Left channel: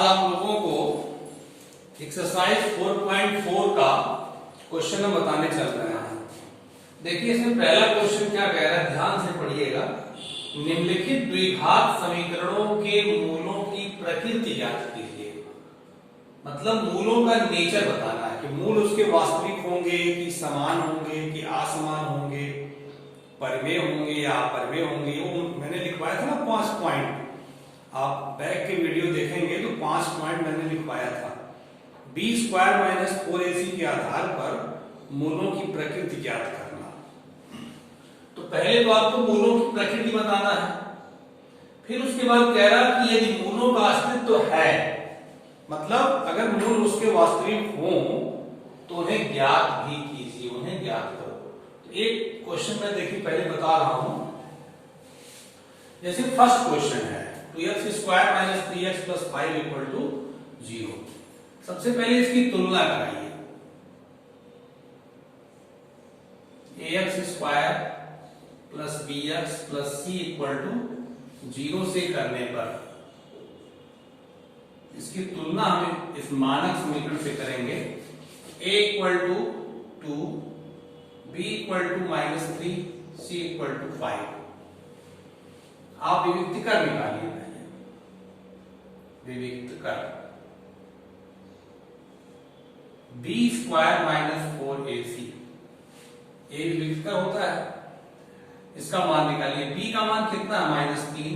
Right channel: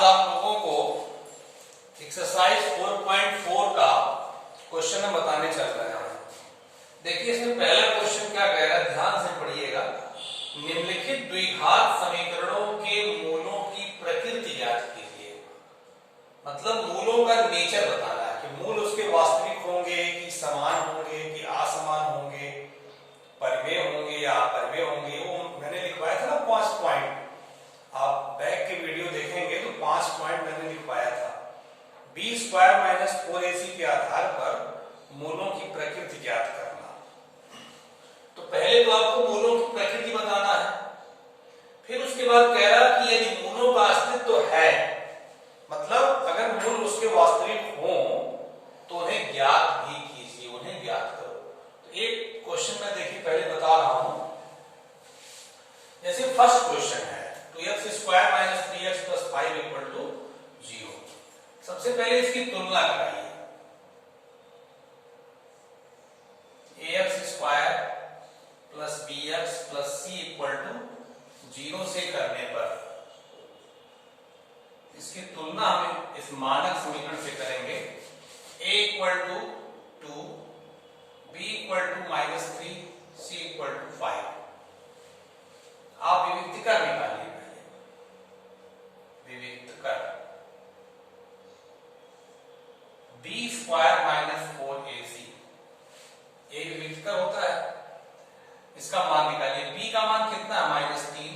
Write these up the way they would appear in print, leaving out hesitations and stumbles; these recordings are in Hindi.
आज आप लोगों को एक्सरसाइज 4.4 का क्वेश्चन हम बताने चल रहे हैं। देखिए इसमें पहला क्वेश्चन क्या कह रहा है, ध्यान से पढ़िएगा। निम्नलिखित द्विघात समीकरणों के मूलों की प्रकृति ज्ञात कीजिए। मतलब मूलों का नेचर बताना है कि मूल उसके वास्तविक होंगे कि समान होंगे कि असमान होंगे, परिमेय होंगे या अपरिमेय होंगे। वो मैंने लिखवाया था ना 5 पॉइंट, आप बैक के वीडियो देखेंगे तो 5 पॉइंट मैंने लिखवाया था। b² - 4ac के आधार पर मूलों की प्रकृति ज्ञात करना। तो पहले तो आपको मूलों की प्रकृति बताना है, फिर उसके बाद कह रहा कि यदि मूलों का अस्तित्व है, मतलब अगर मूल उसके वास्तविक हो तो उन्हें ज्ञात भी कीजिए, उन्हें ज्ञात करो। तो एक क्वेश्चन में देखिए पहले बता रहा हूं। जैसे फर्स्ट क्वेश्चन है 2x² - 3x + 5 = 0। सबसे पहले इसकी तुलना कराइए। ax² + bx + c = 0 से करने पर इसकी तुलना हम इस मानक समीकरण से करेंगे। a = 2, b = -3, c = 5। आप विविक्त कर निकालिए। विविक्त कर b² - 4ac, ये विविक्त कर होता है। इसका मान निकालिए। b का मान कितना है? -3।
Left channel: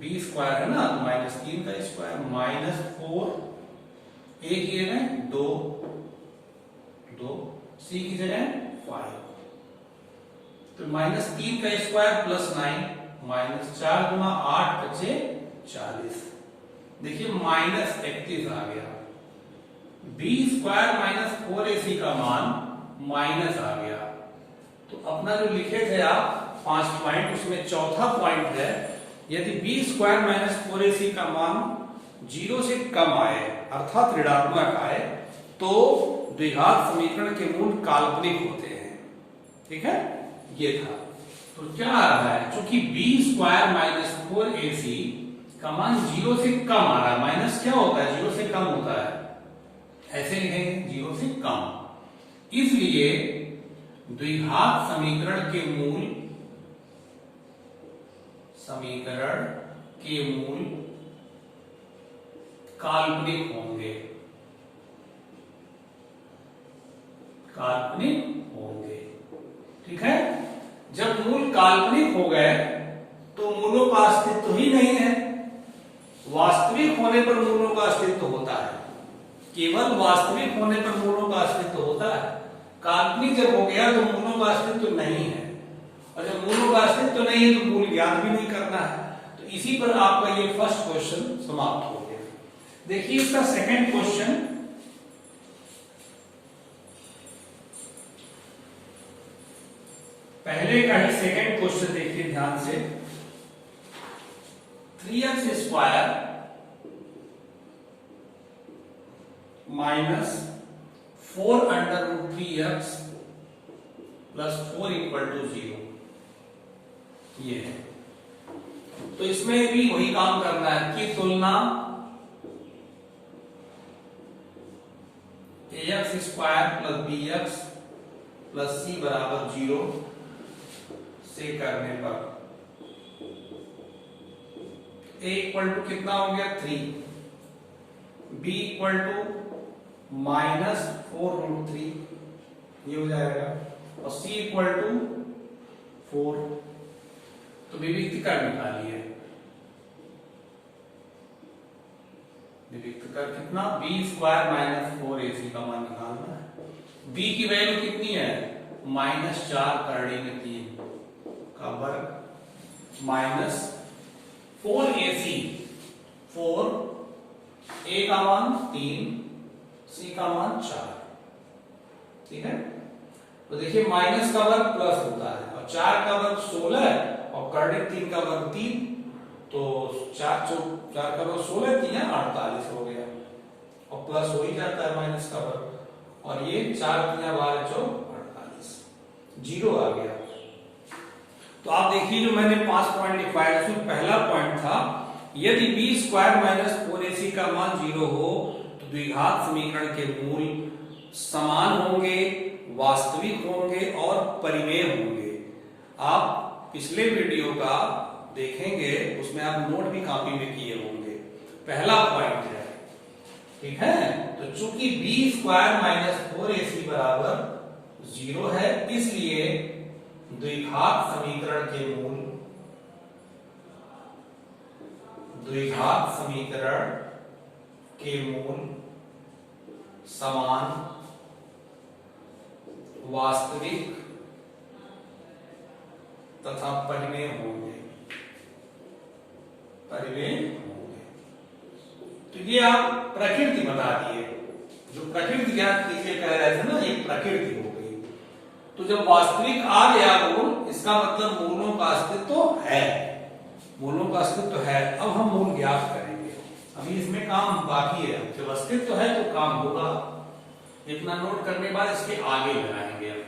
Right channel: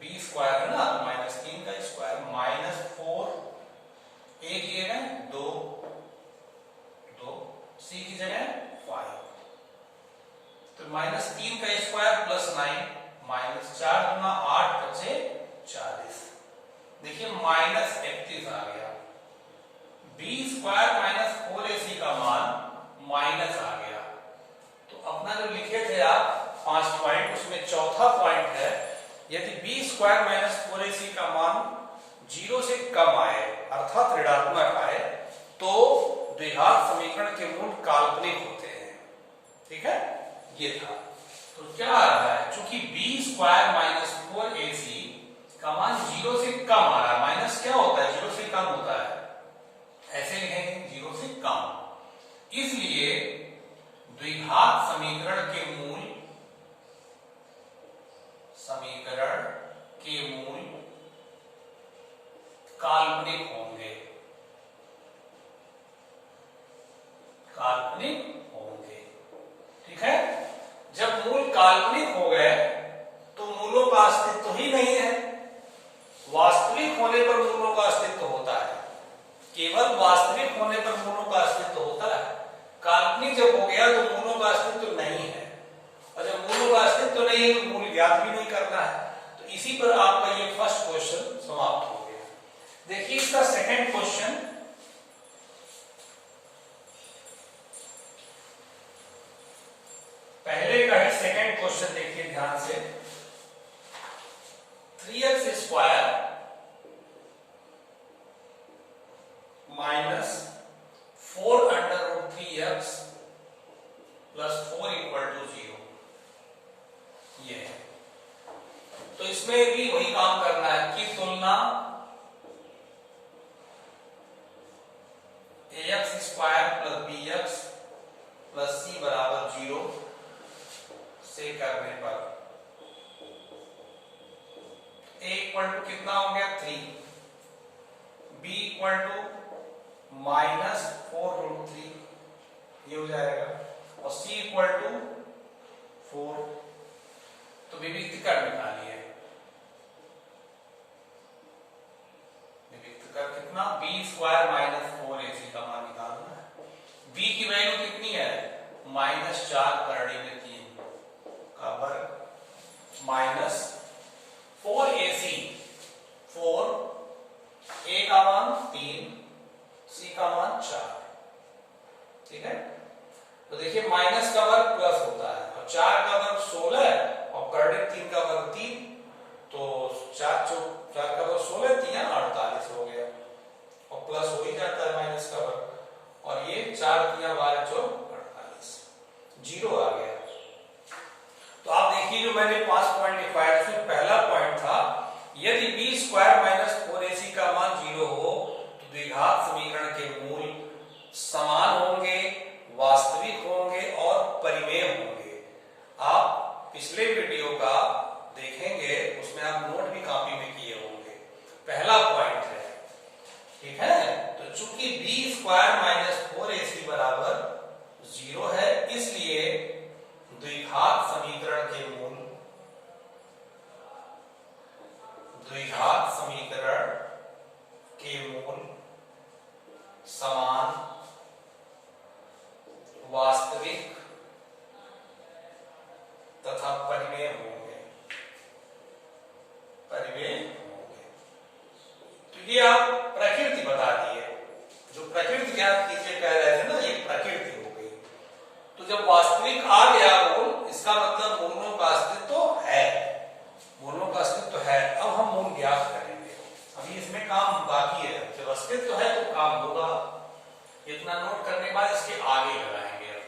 b² है ना, तो -3 का स्क्वायर -4, a की जगह 2, c की जगह 5, तो -3 का स्क्वायर +9, -4 × 8 बचे 40। देखिए -31 आ गया। b² - 4ac का मान माइनस आ गया। तो अपना जो लिखे थे आप 5 पॉइंट, उसमें चौथा पॉइंट है, यदि b² - 4ac का मान 0 से कम आए अर्थात ऋणात्मक आए तो द्विघात समीकरण के मूल काल्पनिक होते हैं। ठीक है, ये था। तो क्या आ रहा है, चूंकि b² - 4ac का मान 0 से कम आ रहा है, माइनस क्या होता है, 0 से कम होता है, ऐसे लिखेंगे 0 से कम, इसलिए द्विघात समीकरण के मूल काल्पनिक होंगे। ठीक है, जब मूल काल्पनिक हो गए तो मूलों का अस्तित्व ही नहीं है। वास्तविक होने पर मूलों का अस्तित्व होता है, केवल वास्तविक होने पर मूलों का अस्तित्व होता है। काल्पनिक जब हो गया तो मूलों का अस्तित्व नहीं है, और जब मूलों का अस्तित्व नहीं है तो मूल ज्ञात भी नहीं करना है। तो इसी पर आपका ये फर्स्ट क्वेश्चन समाप्त हो गया। देखिए इसका सेकंड क्वेश्चन, पहले का ही सेकंड क्वेश्चन देखिए ध्यान से। 3x² - 4√3x + 4 = 0, ये है। तो इसमें भी वही काम करना है कि तुलना ax² + bx + c = 0 से करने पर a = कितना हो गया 3, b = -4√3, ये हो जाएगा, और c = 4। तो विविक्त कर निकालिए। विविक्त कर कितना, b² - 4ac का मान निकालना है। b की वैल्यू कितनी है, -4 × 3 का वर्ग, -4ac, 4, a का मान 3, c का मान 4। ठीक है, तो देखिए माइनस का वर्ग प्लस होता है, और 4 का वर्ग 16 और कर्णिक 3 का वर्ग 3, तो 4 का वर्ग 16, 3 48 हो गया, और प्लस हो ही जाता है माइनस का वर्ग, और ये 4 3 12 4 48, 0 आ गया। तो आप देखिए जो मैंने 5 पॉइंट लिखवाया, उसमें पहला पॉइंट था यदि b स्क्वायर माइनस 4ac का मान 0 हो तो द्विघात समीकरण के मूल समान होंगे, वास्तविक होंगे और परिमेय होंगे। आप पिछले वीडियो का देखेंगे, उसमें आप नोट भी कॉपी में किए होंगे। पहला पॉइंट है, ठीक है। तो चूंकि b स्क्वायर माइनस 4ac बराबर 0 है, इसलिए द्विघात समीकरण के मूल समान, वास्तविक तथा परिमेय होंगे। तो ये आप प्रकृति बता दिए। जो प्रकृति ज्ञात कीजिए कह रहे थे ना, ये प्रकृति हो गई। तो जब वास्तविक आ गया मूल, इसका मतलब मूलों का अस्तित्व है। मूलों का अस्तित्व है। अब हम मूल ज्ञात करेंगे। अभी इसमें काम बाकी है। जब अस्तित्व है तो काम होगा। इतना नोट करने के बाद इसके आगे लगाएंगे। अब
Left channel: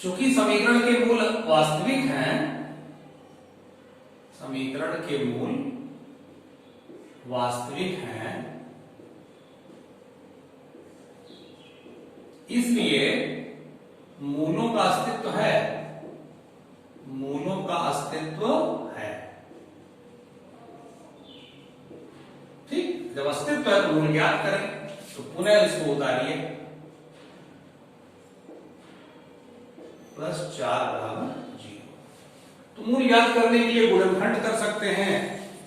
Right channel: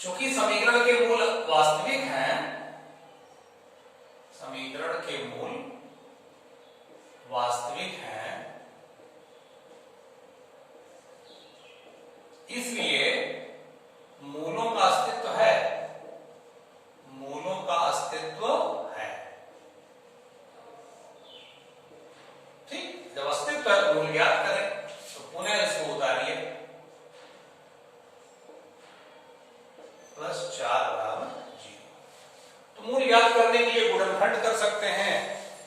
चूंकि समीकरण के मूल वास्तविक हैं, समीकरण के मूल वास्तविक हैं, इसलिए मूलों का अस्तित्व है। मूलों का अस्तित्व है। ठीक, जब अस्तित्व है तो मूल ज्ञात करें। तो पुनः इसको उतारिए, प्लस 4 बराबर 0। तो मूल ज्ञात करने के लिए गुणनखंड कर सकते हैं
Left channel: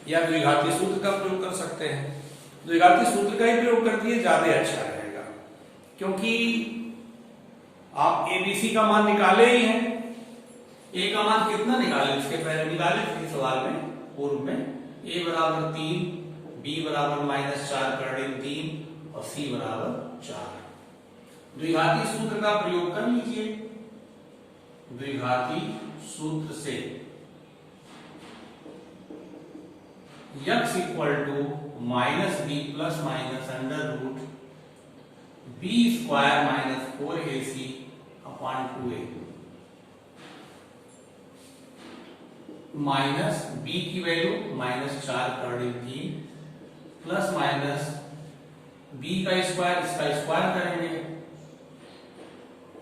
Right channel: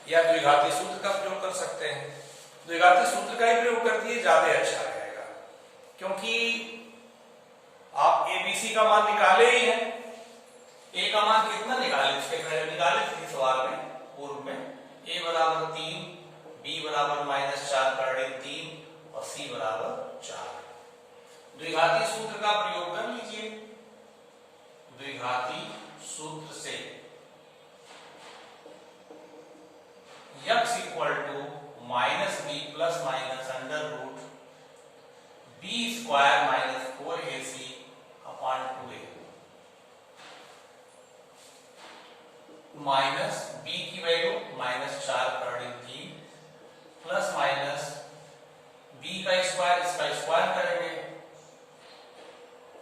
या द्विघाती सूत्र का प्रयोग कर सकते हैं। द्विघाती सूत्र का ही प्रयोग कर दिए, ज्यादा अच्छा रहेगा, क्योंकि आप एबीसी का मान निकाले ही हैं। ए का मान कितना निकाले, उसके पहले निकाले थे सवाल में, पूर्व में। ए बराबर 3, बी बराबर -4 का ऋण 3 और सी बराबर 4। द्विघाती सूत्र का प्रयोग कर लीजिए। द्विघाती सूत्र से x equal to -b plus minus under root b square minus 4ac upon 2a minus b की वैल्यू -4 का ऋण 3 प्लस माइनस b का स्क्वायर, इसका स्क्वायर करेंगे।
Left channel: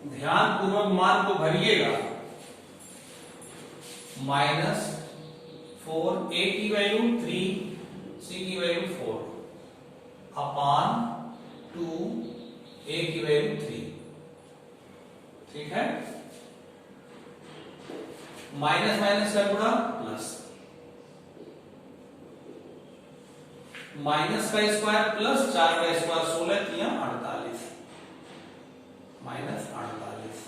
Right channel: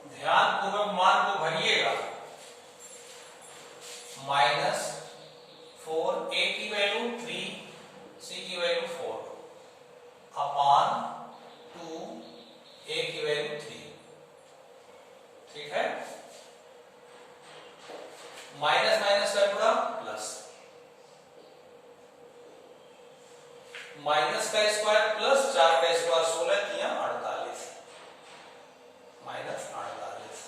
ध्यान पूर्वक मान को भरिएगा। -4 a की वैल्यू 3, c की वैल्यू 4 अपॉन 2 a की वैल्यू 3। ठीक है, माइनस माइनस का गुणा प्लस, माइनस का स्क्वायर प्लस 4 का स्क्वायर 16 किया 48, -48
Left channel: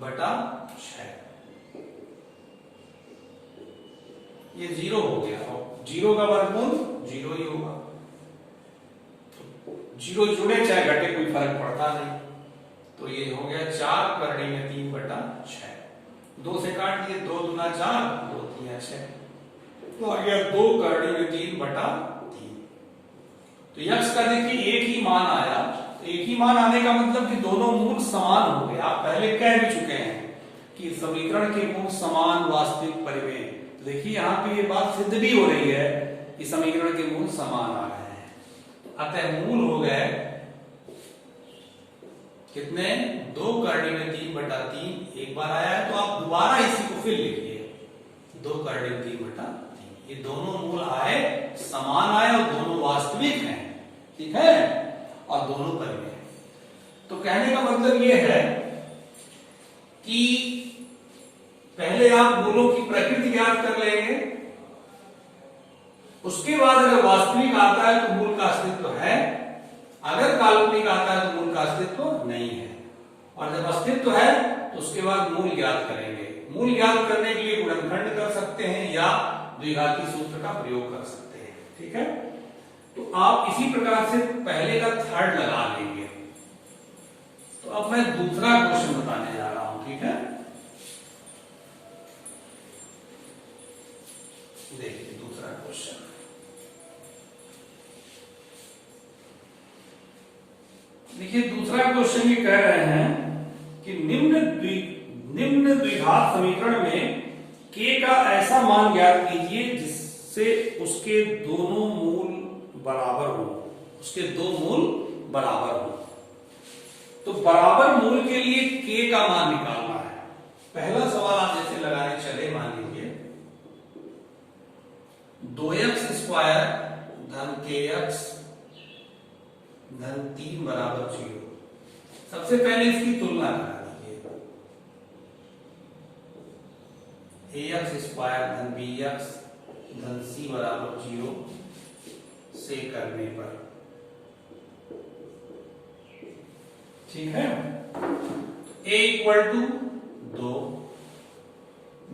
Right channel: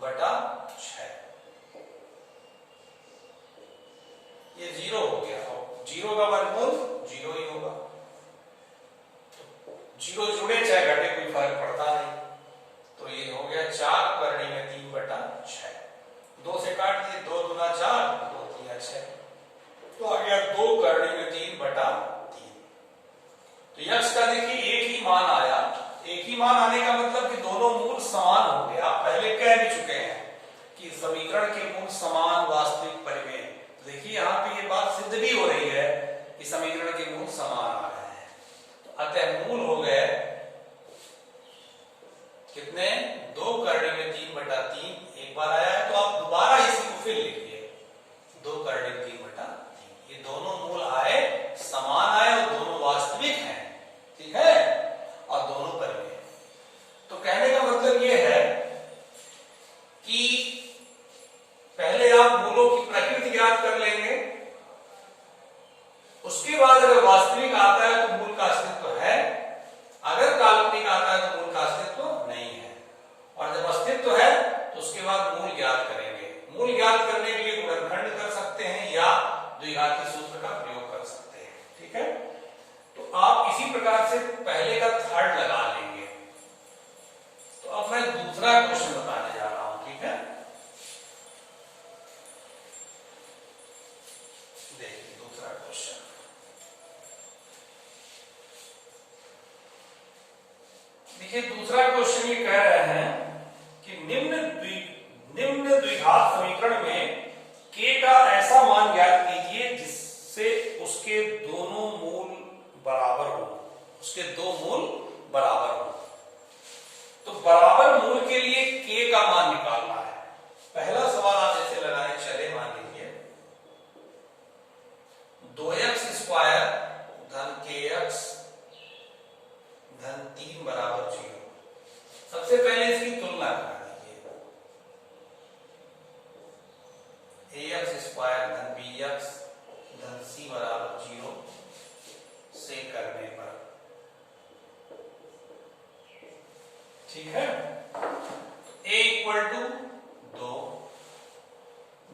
बटा 6। ये 0 हो गया। 0 का वर्गमूल 0 ही होगा। 0 जुड़े चाहे घटे कोई फर्क पड़ता नहीं। तो ये हो गया 4 करने में 3 बटा 6। 2 से काट दिए, 2 दूना 4, 2 3 6, तो आ गया 2 करने में 3 बटा 3। तो यक्ष का देखिए एक ही मान आया। एक ही मान आने का मतलब कि दोनों मूल समान हो गए। आप पहले कह भी चुके हैं कि समीकरण के मूल समान, वास्तविक, परिमेय। तो देखिए यहाँ पे ये बात सिद्ध भी हो रही है कि समीकरण के मूल समान आ रहे हैं। तो अतः मूल हो गए कितने, 2 करने में 3 बटा 3 एक बार आया है, तो आप दोबारा इसी को फिर लिखिए, 2 करने में 3 बटा 3। ये दोनों मूल आए, समान आए और दोनों वास्तविक हैं। ठीक है, और दोनों परिमेय। तो कहने का मतलब ये है कि पहले आप मूलों की प्रकृति ज्ञात कर लेंगे, उसके बाद अगर वास्तविक आता है तो मूल का अस्तित्व है, अगर काल्पनिक आता है तो मूल का अस्तित्व नहीं है। और जब अस्तित्व है तो उसके बाद मूल ज्ञात करेंगे। मूल ज्ञात करने के लिए गुणनखंड कर सकते हैं या द्विघाती सूत्र का प्रयोग कर सकते हैं। ठीक है, तो आप इसी प्रकार से पहले का थर्ड लगा लेंगे। तो अब मैं दूसरा क्वेश्चन बताने जा रहा हूं। ठीक है, देखिए दूसरा क्वेश्चन। देखिए दूसरा क्वेश्चन ये कह रहे हैं कि निम्न द्विघात घात समीकरण में k का ऐसा मान ज्ञात कीजिए जिससे उसके दोनों मूल बराबर हो, उसके दो मूल बराबर हो। तो बराबर मूल के लिए k का मान निकालना है। पहला सवाल आप जैसे लगाए चले, मान लीजिए 2x स्क्वायर धन kx धन 3 बराबर 0। सबसे पहले इसकी तुलना करा दीजिए, ax स्क्वायर धन bx धन c बराबर 0 से करने पर, ठीक है। a equal to 2,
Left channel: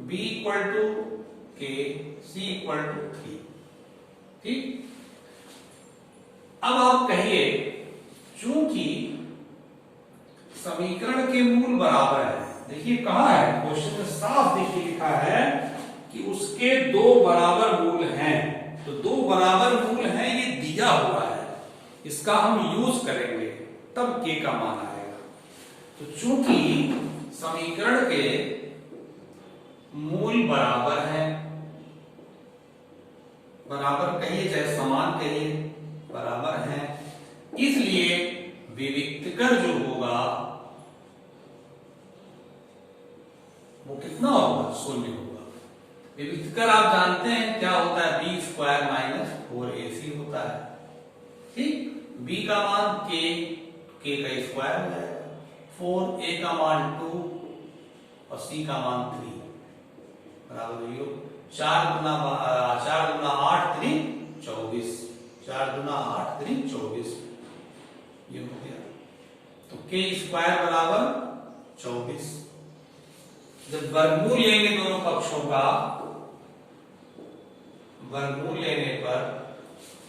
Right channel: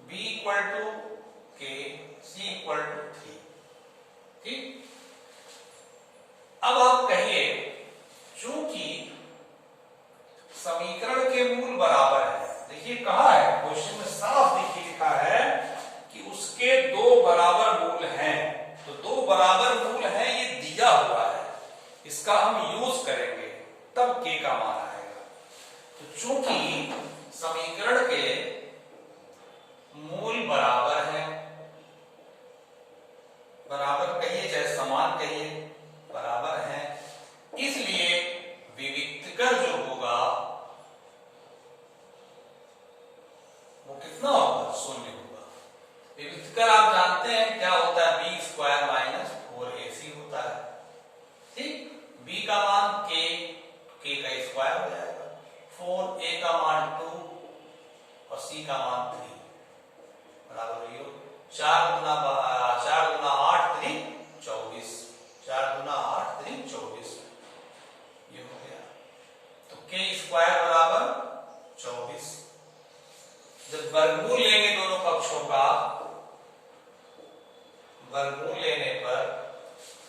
b equal to k, c equal to 3। ठीक, अब आप कहिए चूंकि समीकरण के मूल बराबर है, देखिए कहा है क्वेश्चन में साफ देखिए लिखा है कि उसके दो बराबर मूल हैं। तो दो बराबर मूल हैं, ये दिया हुआ है, इसका हम यूज करेंगे तब k का मान आएगा। तो चूंकि समीकरण के मूल बराबर हैं, बराबर कहिए चाहे समान कहिए, बराबर हैं, इसलिए विविक्तकर जो होगा वो कितना होगा, 0 होगा। विविक्तकर आप जानते हैं क्या होता है, b स्क्वायर माइनस 4ac होता है। ठीक, b का मान k का स्क्वायर हो जाएगा, 4a का मान 2 और c का मान 3 बराबर 0। 4 गुना 8 3 24, 4 गुना 8 3 24, ये हो गया। तो k स्क्वायर बराबर 24। जब वर्गमूल लेंगे दोनों पक्षों का, वर्गमूल लेने पर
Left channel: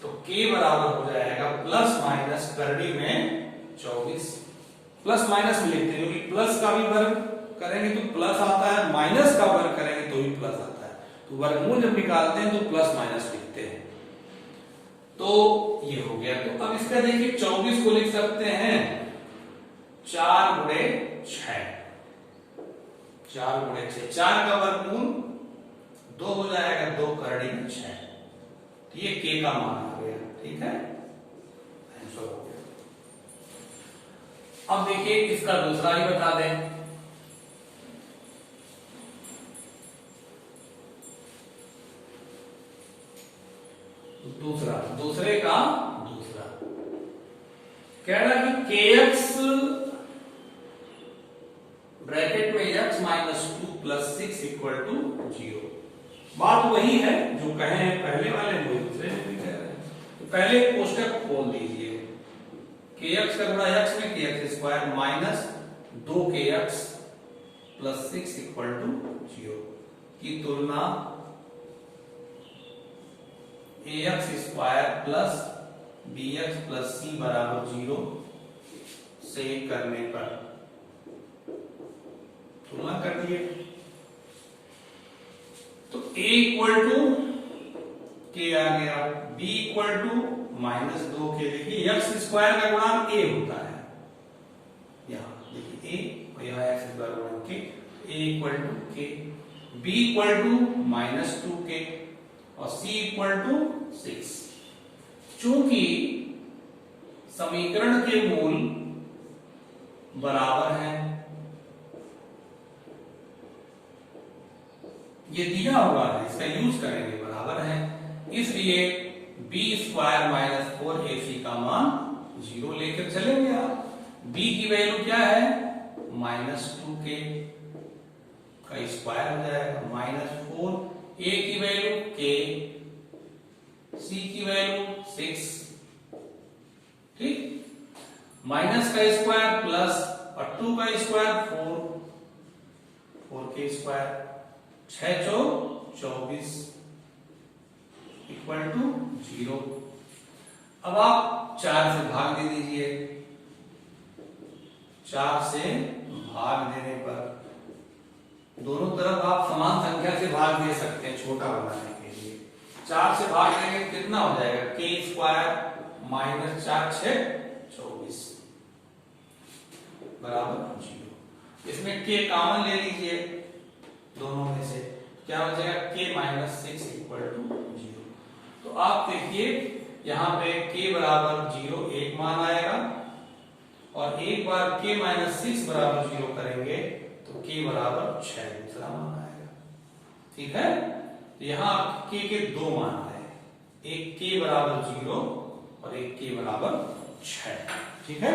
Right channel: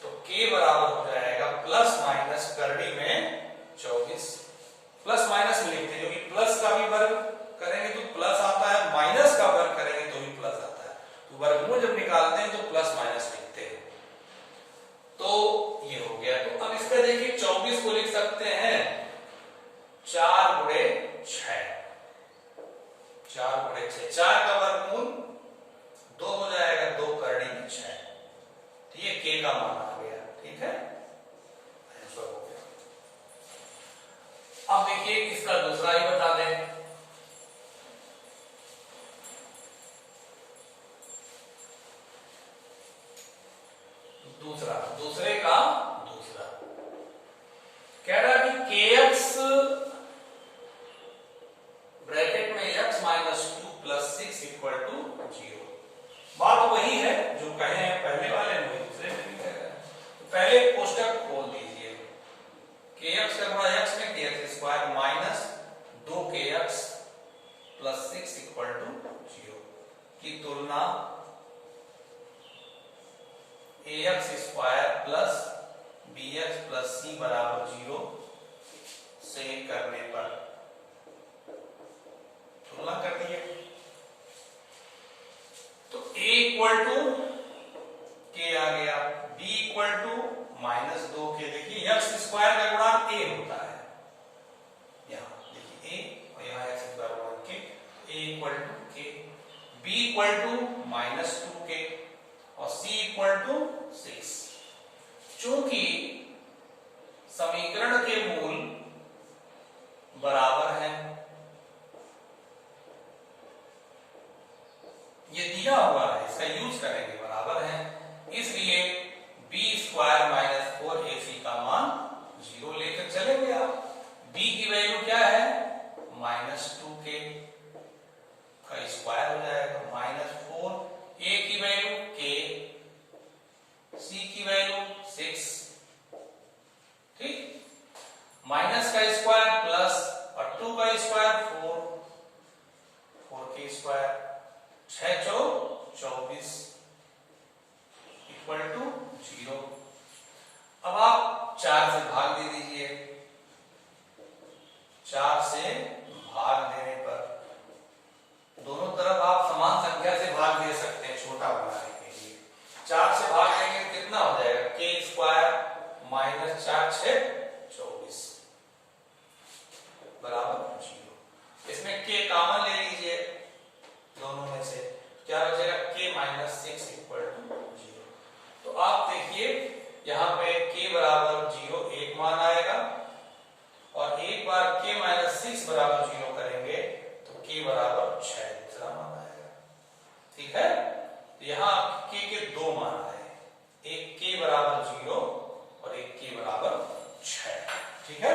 तो k बराबर हो जाएगा प्लस माइनस करड़ी में 24। प्लस माइनस लिखते हैं क्योंकि प्लस का भी वर्ग करेंगे तो प्लस आता है, माइनस का वर्ग करेंगे तो भी प्लस आता है। तो वर्गमूल जब निकालते हैं तो प्लस माइनस लिखते हैं। तो ये हो गया। तो अब इसका देखिए 24 को लिख सकते हैं 4 गुणे 6, 4 गुणे 6, 4 का वर्गमूल 2 हो जाएगा, 2 करड़ी में 6। तो ये k का मान आ गया, ठीक है, आंसर हो गया। अब देखिए इसका दूसरा ही बता दें। दूसरे का दूसरा कह रहा है कि kx ब्रैकेट में x minus 2 plus 6 equal to 0। बात वही है जो कहे हैं पहले वाले में, दूसरे में भी कह रहे हैं। तो पहले कोष्टक खोल दीजिए, kx का गुणा x में kx square minus 2kx plus 6 equal to 0 की तुलना ax square plus bx plus c बराबर 0 से करने पर, तुलना कर दिए। तो a इक्वल टू k आ गया, b equal to minus 2k। देखिए x स्क्वायर का गुणांक a होता है, यहां देखिए a और यहां x स्क्वायर गुणांक k, a equal to k, b equal to minus 2k और c इक्वल टू 6। चूंकि समीकरण के मूल बराबर हैं, ये दिया हुआ है, इसका यूज करेंगे, बराबर है, इसलिए b स्क्वायर माइनस 4ac का मान 0 लेकर चलेंगे आप। b की वैल्यू क्या है, माइनस 2k का स्क्वायर हो जाएगा, माइनस 4, a की वैल्यू k, c की वैल्यू 6, ठीक, माइनस का स्क्वायर प्लस और 2 का स्क्वायर 4k स्क्वायर, 6 चौक 24 इक्वल टू 0। अब आप 4 से भाग दे दीजिए, 4 से भाग देने पर दोनों तरफ आप समान संख्या से भाग दे सकते हैं छोटा बनाने के लिए। 4 से भाग देंगे तो कितना हो जाएगा, k स्क्वायर माइनस 4 6 24 बराबर 0। इसमें k कॉमन ले लीजिए, यहाँ पे k बराबर 0 एक मान आएगा, और एक बार k माइनस 6 बराबर 0 करेंगे तो k बराबर 6 दूसरा मान आएगा। ठीक है, तो यहाँ k के दो मान आए, एक k बराबर 0 और एक k बराबर 6। ठीक है,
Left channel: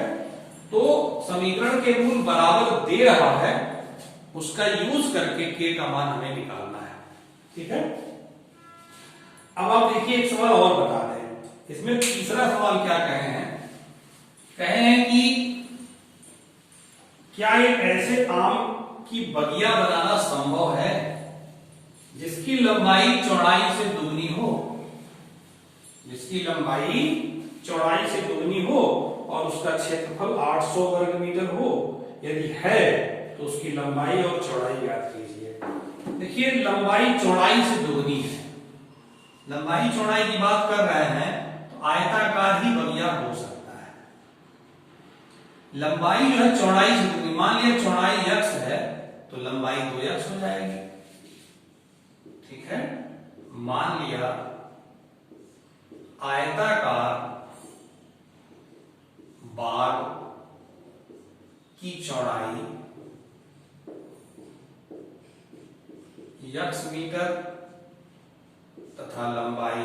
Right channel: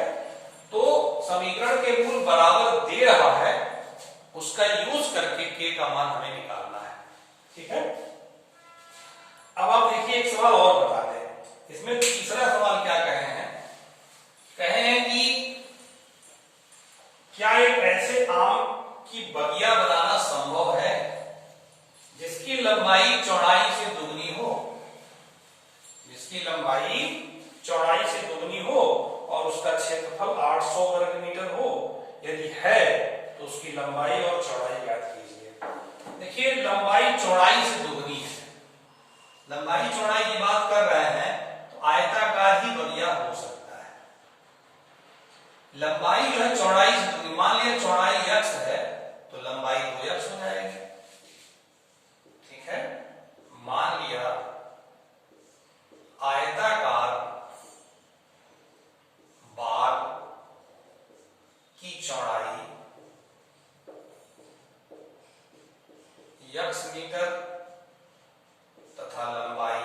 तो समीकरण के मूल बराबर दे रहा है, उसका यूज करके k का मान हमें निकालना है। ठीक है, अब आप देखिए एक सवाल और बता रहे हैं, इसमें तीसरा सवाल क्या कह रहे हैं, कहे हैं कि क्या एक ऐसे आम की बगिया बनाना संभव है जिसकी लंबाई चौड़ाई से दुगनी हो, जिसकी लंबाई चौड़ाई से दुगनी हो और उसका क्षेत्रफल 800 वर्ग मीटर हो। यदि है तो उसकी लंबाई और चौड़ाई ज्ञात कीजिए। देखिए लंबाई चौड़ाई से दुगनी है, लंबाई चौड़ाई की बात कर रहे हैं तो आयताकार ही बगिया हो सकता है। लंबाई जो है चौड़ाई से दुगनी, मान लिया चौड़ाई x है तो लंबाई 2x हो जाएगी। ठीक है, मान लिया आयताकार बाग की चौड़ाई x मीटर तथा लंबाई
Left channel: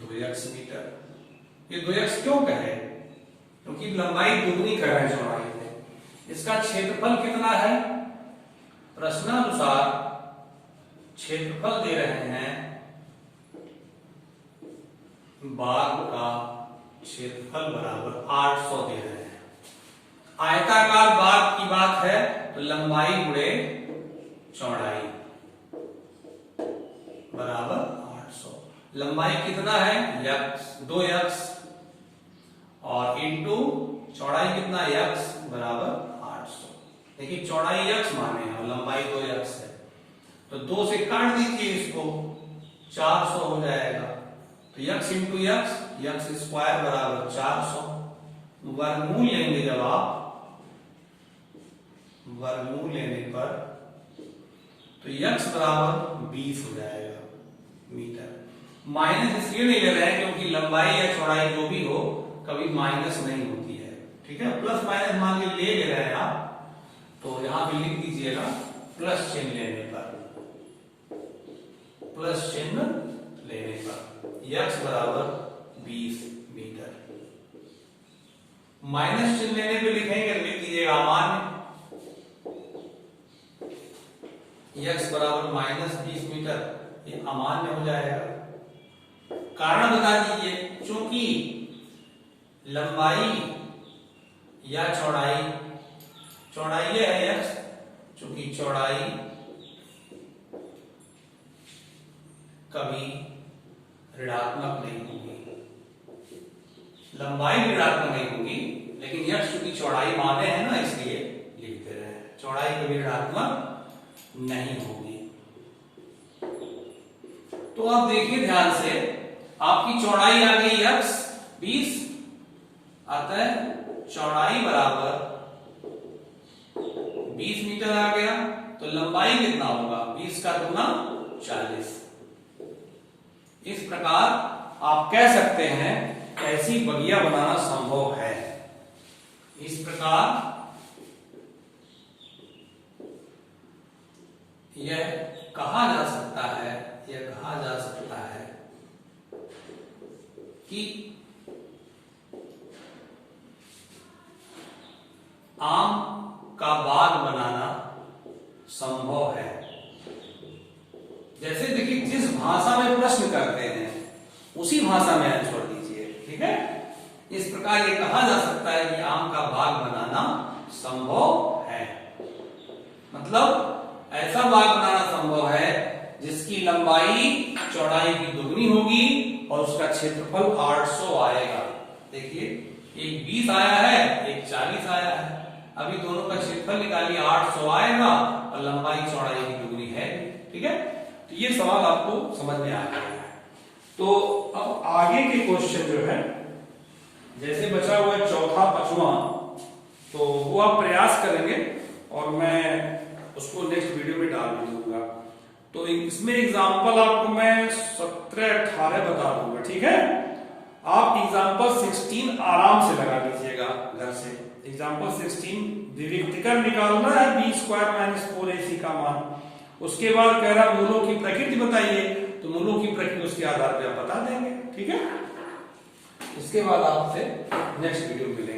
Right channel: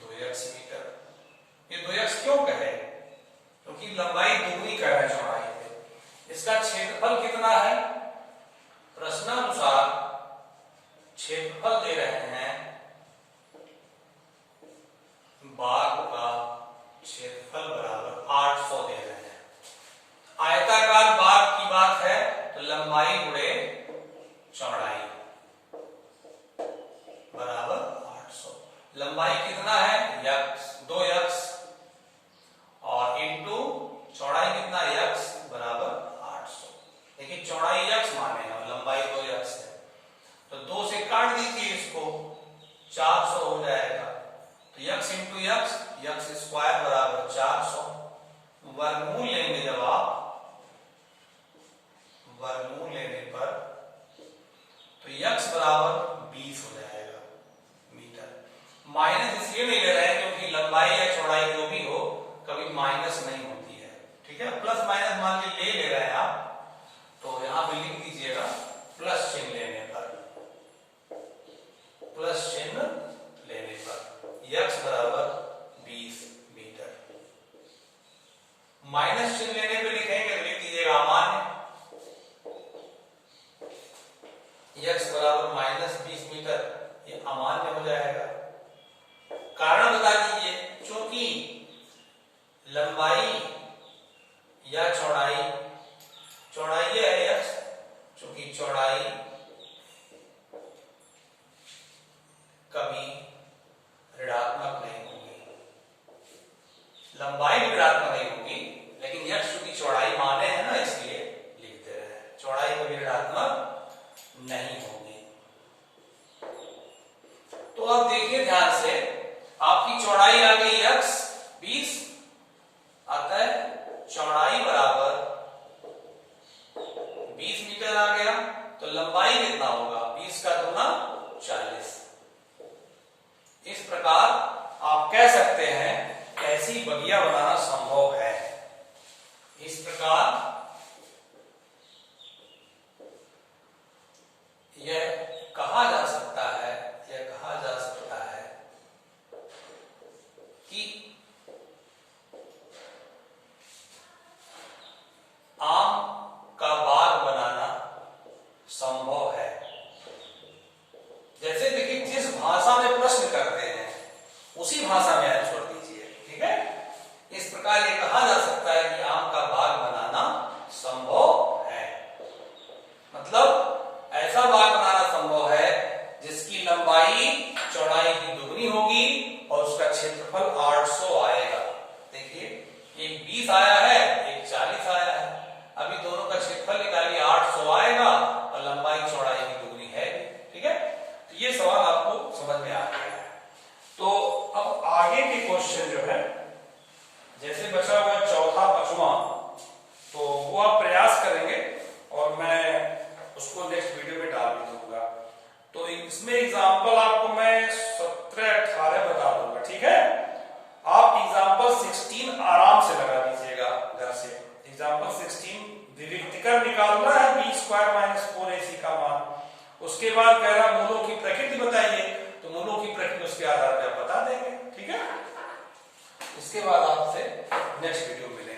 2x मीटर। ये 2x क्यों कहे, क्योंकि लंबाई दुगनी कर रहे हैं चौड़ाई पे। इसका क्षेत्रफल कितना है, प्रश्नानुसार क्षेत्रफल दे रहे हैं, बाग का क्षेत्रफल बराबर 800 दे रहे हैं। आयताकार बाग की बात है तो लंबाई गुणे चौड़ाई बराबर 800। लंबाई कितना है x 2x और इंटू चौड़ाई कितना x बराबर 800। देखिए चौड़ाई x माने हैं और लंबाई 2x है, तो 2 से काट दीजिए इसको, 400 हो जाएगा। तो x इंटू x स्क्वायर बराबर 400। वर्गमूल लेंगे, जब आप वर्गमूल लेने पर तो x बराबर 20 हो जाएगा मीटर। माइनस इसलिए नहीं ले रहे हैं क्योंकि लंबाई या चौड़ाई जो भी हो कभी माइनस नहीं होती है। ठीक है, प्लस माइनस मान के ले रहे हैं आप, तो यहां पे लिख दीजिएगा प्लस चिन्ह लेने पर, प्लस चिन्ह लेने पर x बराबर 20 मीटर। माइनस चिन्ह लेने पे लिखेंगे तो लिख दीजिएगा अमान्य, x बराबर माइनस 20 मीटर, ये अमान्य हो जाएगा। कारण बता दीजिए, चूंकि लंबाई या चौड़ाई, चौड़ाई ये है x, चूंकि चौड़ाई कभी ऋणात्मक नहीं होगी, लंबाई ऋणात्मक नहीं होगी, लेकिन x चूंकि चौड़ाई माने हैं ना इसलिए लिखते रहे, चौड़ाई कभी ऋणात्मक नहीं होगी। तो आप देखिए ध्यान से, आपकी चौड़ाई आ गई x 20, अतः चौड़ाई बराबर 20 मीटर आ गया, तो लंबाई कितना होगा, 20 का दूना 40। इस प्रकार आप कह सकते हैं ऐसी बगिया बनाना संभव है। इस प्रकार यह कहा जा सकता है, यह कहा जा सकता है कि आम का बाग बनाना संभव है। जैसे देखिए जिस भाषा में प्रश्न करते हैं उसी भाषा में आंसर दीजिए। ठीक है, इस प्रकार ये कहा जा सकता है कि आम का बाग बनाना संभव है, मतलब ऐसा बाग बनाना संभव है जिसकी लंबाई चौड़ाई की दुगनी होगी और उसका क्षेत्रफल 800 आएगा। देखिए एक 20 आया है, एक 40 आया है, अभी दोनों का क्षेत्रफल निकालिए, 800 आएगा और लंबाई चौड़ाई की दुगनी है। ठीक है, तो ये सवाल आपको समझ में आ गया है। तो अब आगे के क्वेश्चन जो है, जैसे बचा हुआ है चौथा पांचवा, तो वो आप प्रयास करेंगे और मैं उसको नेक्स्ट वीडियो में डाल भी दूंगा। तो इसमें एग्जाम्पल आपको मैं 17-18 बता दूंगा, ठीक है। आप एग्जाम्पल 16 आराम से लगा दीजिएगा घर से। एग्जाम्पल 16 विविक्तिकर निकालना है b² - 4ac का मान। उसके बाद कह रहा मूलों की प्रकृति बताइए, तो मूलों की प्रकृति उसके आधार पर आप बता देंगे, ठीक है। इसके बाद आपसे नेक्स्ट वीडियो मिलेंगे।